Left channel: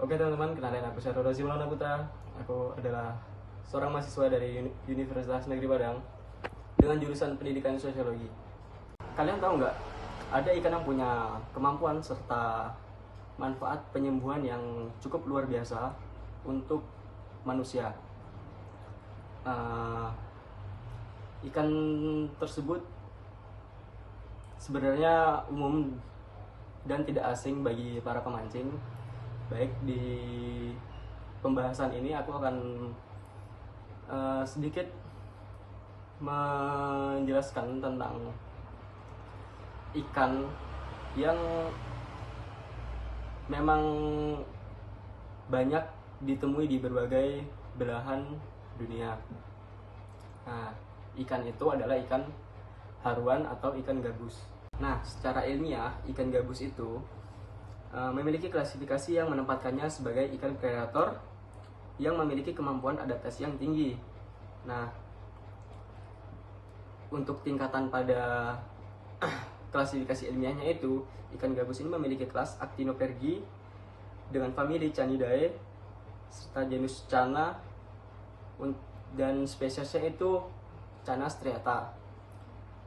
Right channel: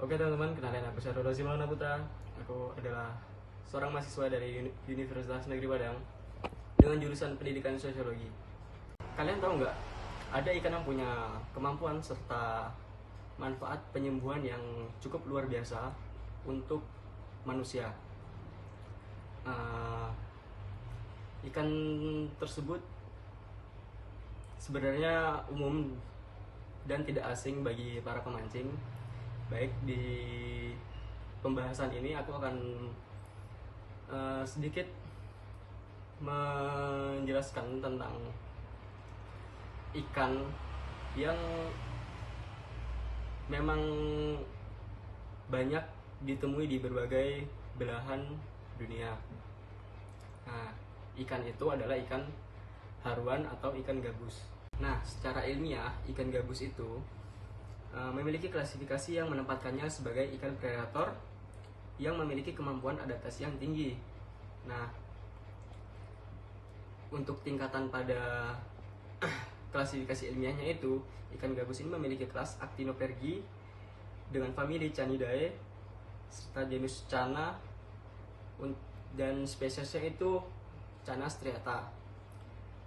Oke teman-teman, kenalin aku Syahrul Razi Maulana Putra. Aku adalah seorang mahasiswa dari Universitas Negeri Padang dengan jurusan Pendidikan Sosiologi. Kalian tahu nggak, ada ikan yang punya kemampuan serta manfaat penyembuhan yang cukup luar biasa untuk manusia. Ikan tersebut sebenarnya umum dan tidak asing bagi para pemancing. Baik, di pembahasan ini aku akan sedikit menjelaskan tentang ikan yang memang banyak ditemui di berbagai belahan dunia. Nah, ikan itu adalah ikan haruan atau ikan gabus. Nah, secara ilmiah, ikan gabus itu memiliki klasifikasi yang menempatkannya sebagai ikan predator yang memiliki kemampuan adaptasi yang tinggi. Nah, untuk tingkatan pada klasifikasi ilmiahnya itu, ikan gabus ini memiliki kelas Actinopergi dengan famili Canidae serta jenis Channa dan spesiesnya itu Channa striata.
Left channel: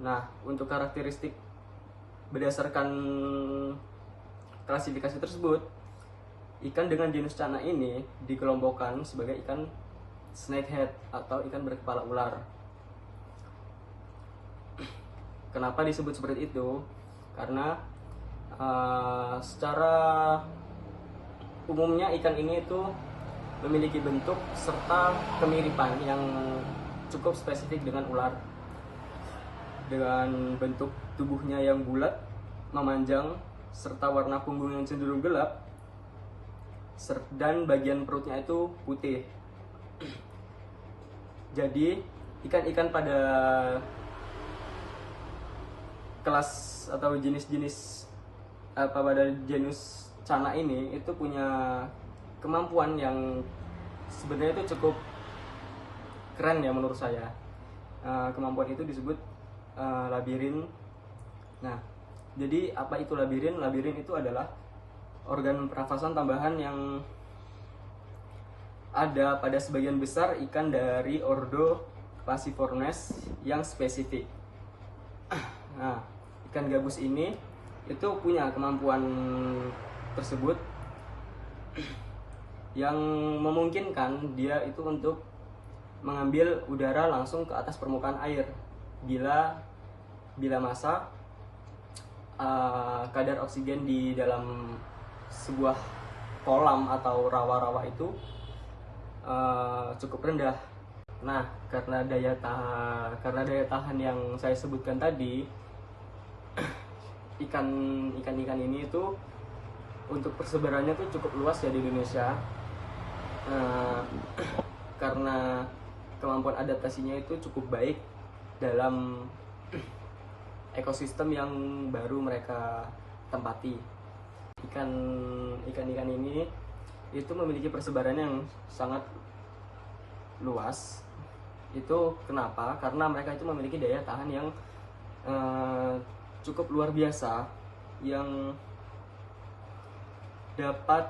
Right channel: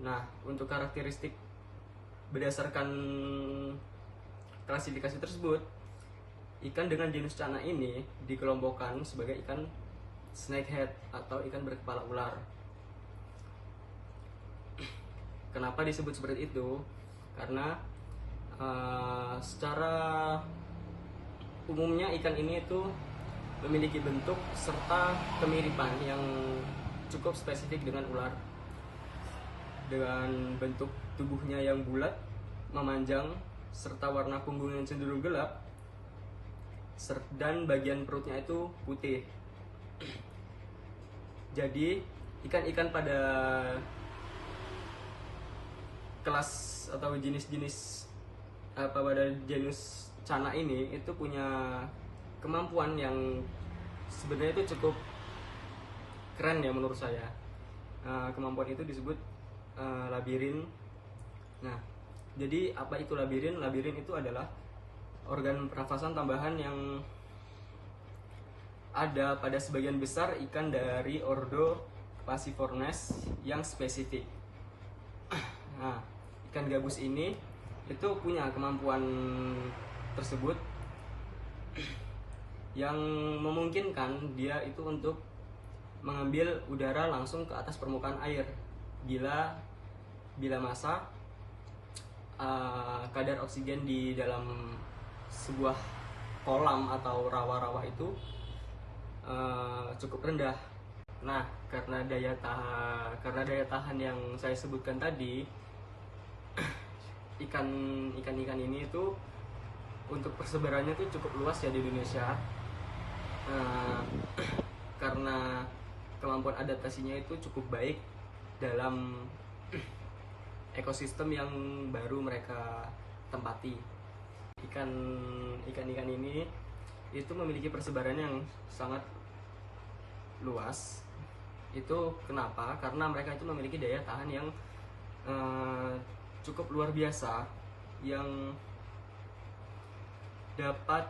Nah, untuk karakteristik berdasarkan klasifikasi tersebut, ikan dengan jenis Channa ini dikelompokkan sebagai ikan snakehead atau ikan berkepala ular. Kenapa disebut seperti itu? Karena secara umumnya ikan ini itu memiliki bentuk serta kemiripan yang cukup spesifik dengan ular, dengan bentuk tubuhnya yang bulat, memanjang, serta warna punggung yang cenderung gelap, dan bagian perutnya itu putih. Jadi ikan-ikan pada kelas atau jenis-jenis pada genus Channa ini itu punya kemampuan yang sebenarnya itu cukup keren ya menurut saya. Kemampuan itu disebut labirin. Nah, jadi apa itu labirin? Labirin itu adalah organ pernafasan tambahan yang ada pada sebagian besar ikan dari ordo Pasiformes yang spesifik. Nah, ikan gabus ini itu punya kemampuan tersebut yang memungkinkan dia itu untuk mengambil udara langsung ke atas permukaan air bila massa kadar oksigen di dalam sebuah kolam atau rawa-rawa itu cukup rendah. Nah, karena daya tahan yang saya sebutkan tadi, ikan-ikan ini itu untuk persebarannya tuh cukup luas ya di Indonesia. Karena kemampuan adaptasinya itu cukup baik dalam ekosistem yang baru mereka tempati. Ikan-ikan ini itu memiliki persebaran yang sangat luas. Itu kenapa? Karena mereka itu memiliki daya tahan yang cukup luar biasa, yang dapat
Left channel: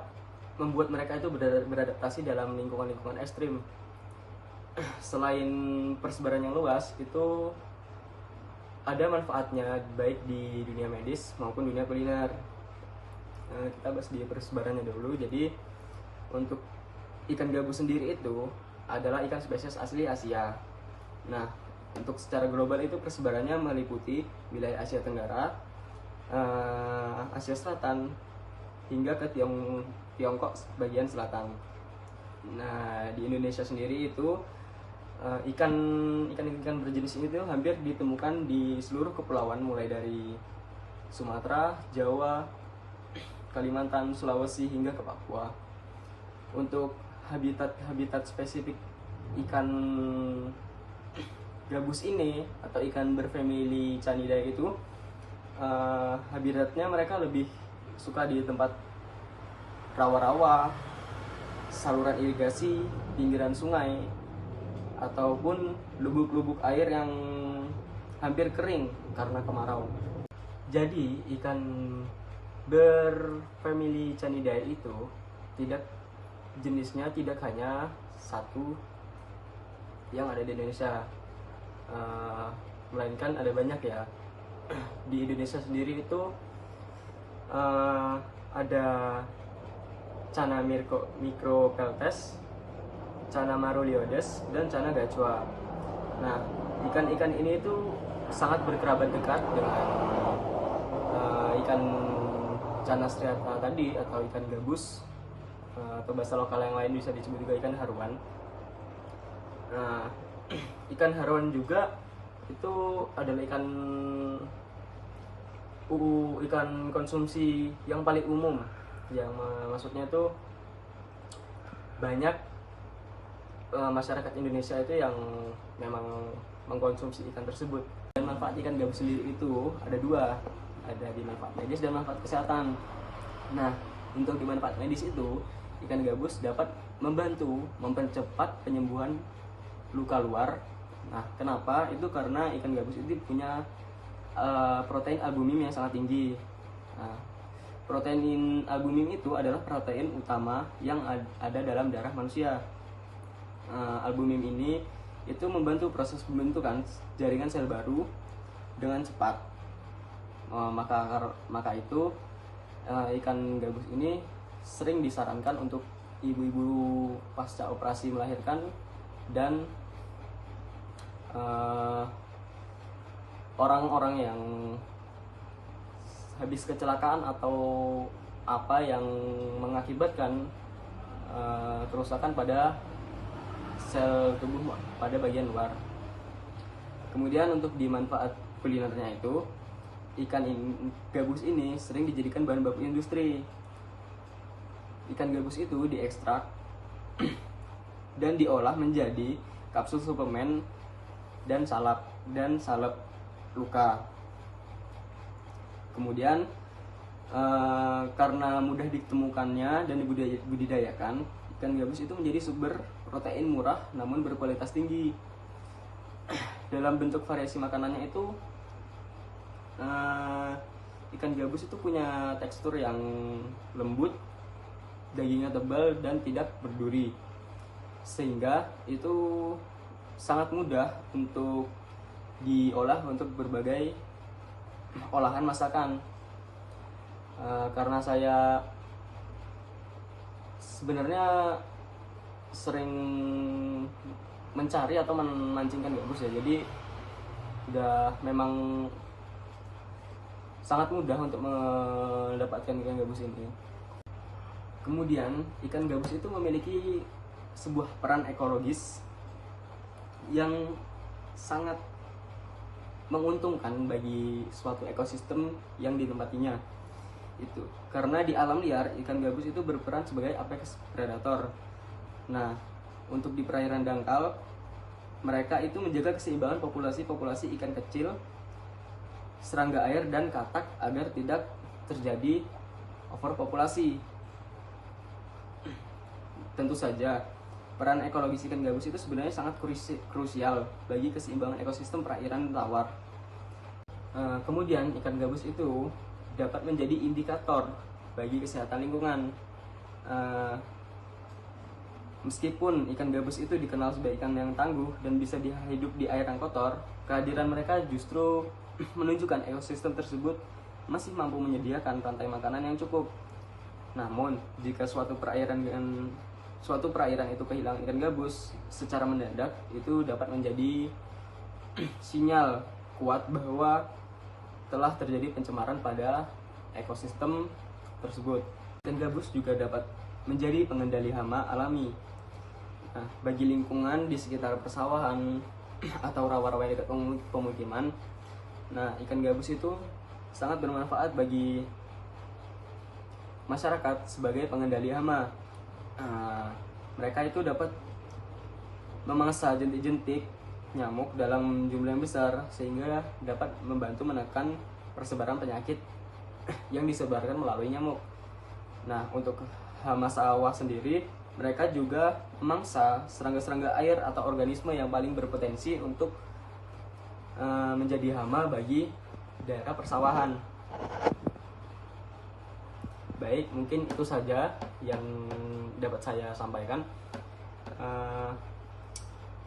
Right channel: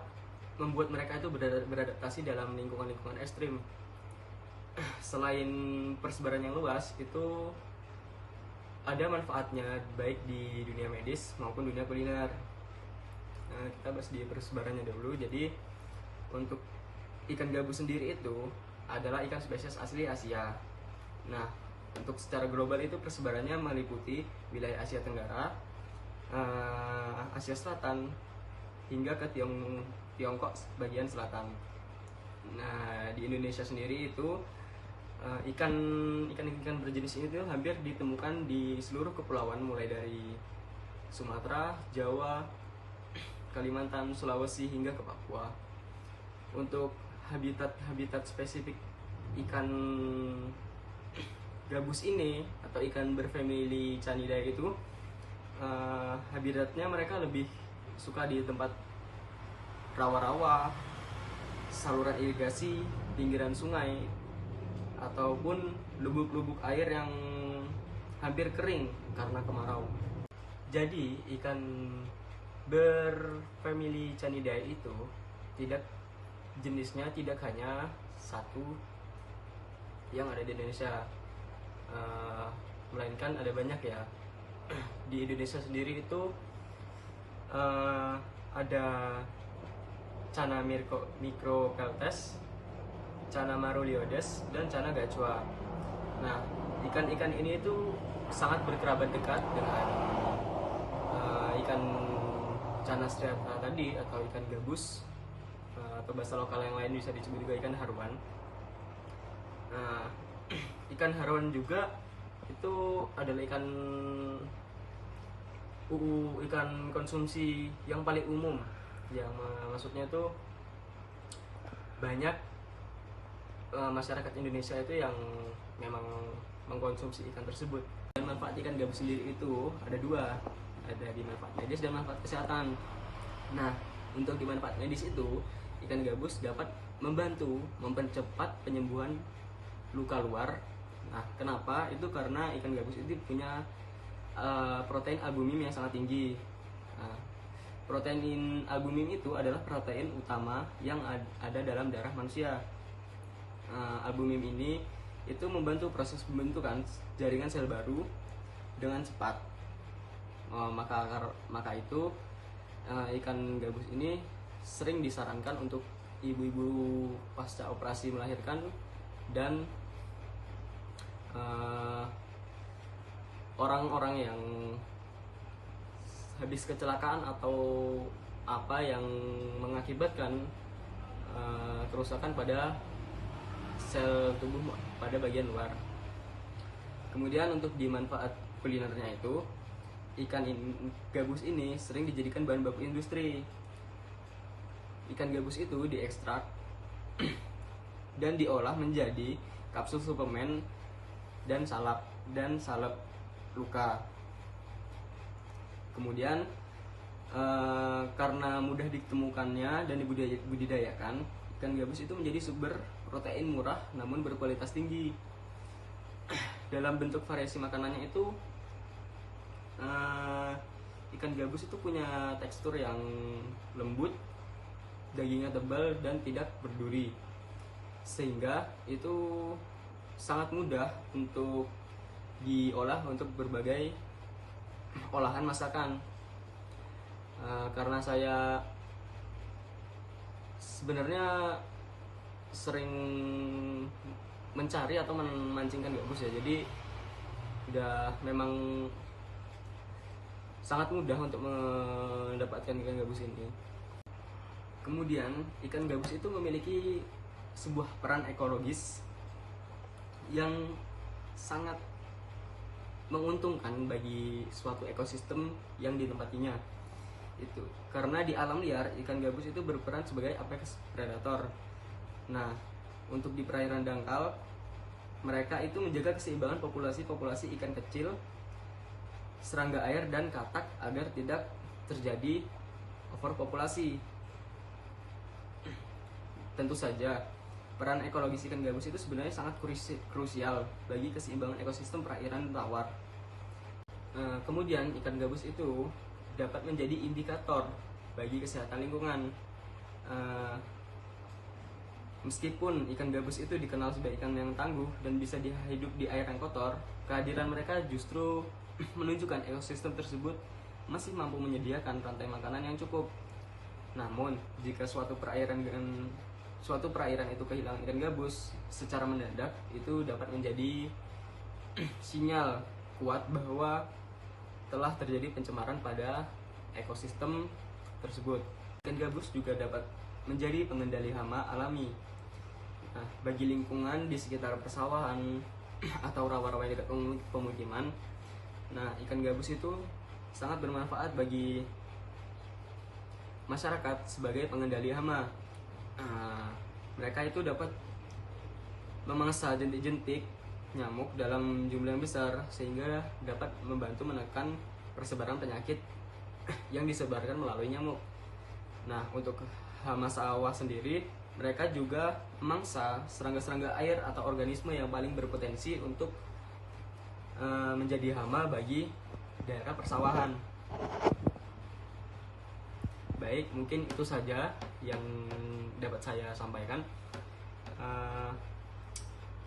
membuat mereka itu beradaptasi dalam lingkungan-lingkungan ekstrim. Selain persebaran yang luas, itu ada manfaatnya baik di dunia medis maupun dunia kuliner. Kita bahas di persebarannya dulu. Jadi untuk ikan gabus sendiri itu adalah ikan spesies asli Asia. Nah, untuk secara global itu persebarannya meliputi wilayah Asia Tenggara, Asia Selatan, hingga ke Tiongkok bagian selatan. Nah, di Indonesia sendiri itu ikan berjenis ini tuh hampir ditemukan di seluruh kepulauan, mulai dari Sumatera, Jawa, Kalimantan, Sulawesi, hingga ke Papua. Untuk habitat spesifik ikan gabus ini atau ikan berfamili Canidae itu, habitatnya mereka lebih suka di tempat rawa-rawa, saluran irigasi, pinggiran sungai, ataupun lubuk-lubuk air yang hampir kering karena kemarau. Jadi ikan berfamili Canidae itu tidak jenisnya tidak hanya satu yang ada di Indonesia, melainkan ada banyak ya. Di Indonesia sendiri itu ada Channa micropeltes, Channa marulioides, dan Channa gachua. Nah, ikan-ikan ini itu sangat berkerabat dekat dengan ikan Channa striata tadi, atau ikan gabus, atau bahasa lokal yang lain bisa disebut juga ikan haruan. Nah, ikan haruan juga itu adalah ikan konsumsi yang paling umum, yang maksudnya itu banyak masyarakat Indonesia itu yang memang mengkonsumsi ikan tersebut. Dan manfaat ikan gabus sendiri itu ada dua, ada di manfaat medis dan manfaat kesehatan. Nah, untuk di manfaat medis itu, ikan gabus dapat membantu mempercepat penyembuhan luka luar. Nah, kenapa? Itu karena ikan gabus itu punya protein albumin yang sangat tinggi. Nah, protein albumin itu adalah protein utama yang ada dalam darah manusia. Albumin ini itu membantu proses pembentukan jaringan sel baru dengan cepat. Maka itu ikan gabus ini sering disarankan untuk ibu-ibu pasca operasi melahirkan dan orang-orang yang habis kecelakaan atau apa yang mengakibatkan kerusakan pada sel tubuh pada bagian luar. Kemudian untuk di manfaat kulinernya itu, gabus ini sering dijadikan bahan baku industri. Ikan gabus itu diekstrak dan diolah menjadi kapsul suplemen dan salep luka. Kemudian karena mudah ditemukannya dan dibudidayakan, ikan gabus itu menjadi sumber protein murah namun berkualitas tinggi. Dalam bentuk variasi makanannya itu, ikan gabus itu punya tekstur yang lembut, dagingnya tebal dan tidak berduri, sehingga itu sangat mudah untuk diolah untuk berbagai olahan masakan. Karena saya sebenarnya sering mencari atau memancingkan gabus ya, jadi udah memang sangat mudah untuk mendapatkan ikan gabus ini. Kemudian ikan gabus itu memiliki sebuah peran ekologis yang sangat menguntungkan bagi suatu ekosistem yang ditempatinya. Itu karena di alam liar ikan gabus itu berperan sebagai apex predator. Nah, untuk di perairan dangkal, mereka itu menjaga keseimbangan populasi ikan kecil, serangga air dan katak agar tidak terjadi overpopulasi. Tentu saja peran ekologis ikan gabus itu sebenarnya sangat krusial bagi keseimbangan ekosistem perairan tawar. Kemudian ikan gabus itu dapat menjadi indikator bagi kesehatan lingkungan. Meskipun ikan gabus itu dikenal sebagai ikan yang tangguh dan bisa hidup di air yang kotor, kehadiran mereka justru menunjukkan ekosistem tersebut masih mampu menyediakan rantai makanan yang cukup. Namun, jika suatu perairan itu kehilangan ikan gabus secara mendadak, itu dapat menjadi sinyal kuat bahwa telah terjadi pencemaran pada ekosistem tersebut. Ikan gabus juga dapat menjadi pengendali hama alami. Nah, bagi lingkungan di sekitar persawahan atau rawa-rawa dekat pemukiman, nah ikan gabus itu sangat bermanfaat bagi masyarakat sebagai pengendali hama. Mereka itu dapat memangsa jentik-jentik nyamuk dalam jumlah yang besar, sehingga dapat membantu menekan persebaran penyakit yang disebarkan melalui nyamuk. Nah, untuk hama sawah sendiri, mereka juga memangsa serangga-serangga air atau organisme yang paling berpotensi untuk menjadi hama bagi daerah persawahan. Baik, mungkin itu saja yang dapat saya sampaikan. Eh,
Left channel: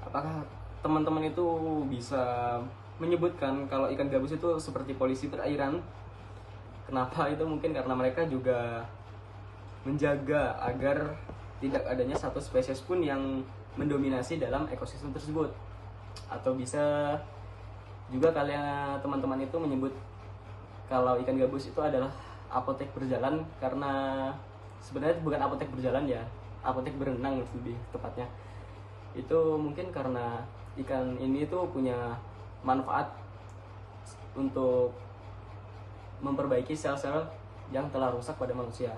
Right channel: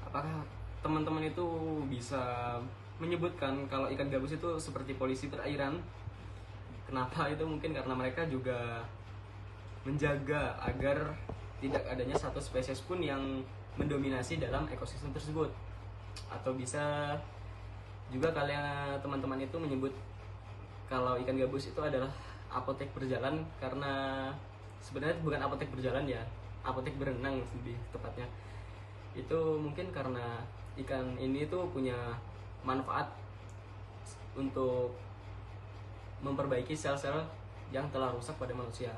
Apakah teman-teman itu bisa menyebutkan kalau ikan gabus itu seperti polisi perairan? Kenapa? Itu mungkin karena mereka juga menjaga agar tidak adanya satu spesies pun yang mendominasi dalam ekosistem tersebut. Atau bisa juga kalian teman-teman itu menyebut kalau ikan gabus itu adalah apotek berjalan, karena sebenarnya bukan apotek berjalan ya, apotek berenang lebih tepatnya. Itu mungkin karena ikan ini tuh punya manfaat untuk memperbaiki sel-sel yang telah rusak pada manusia.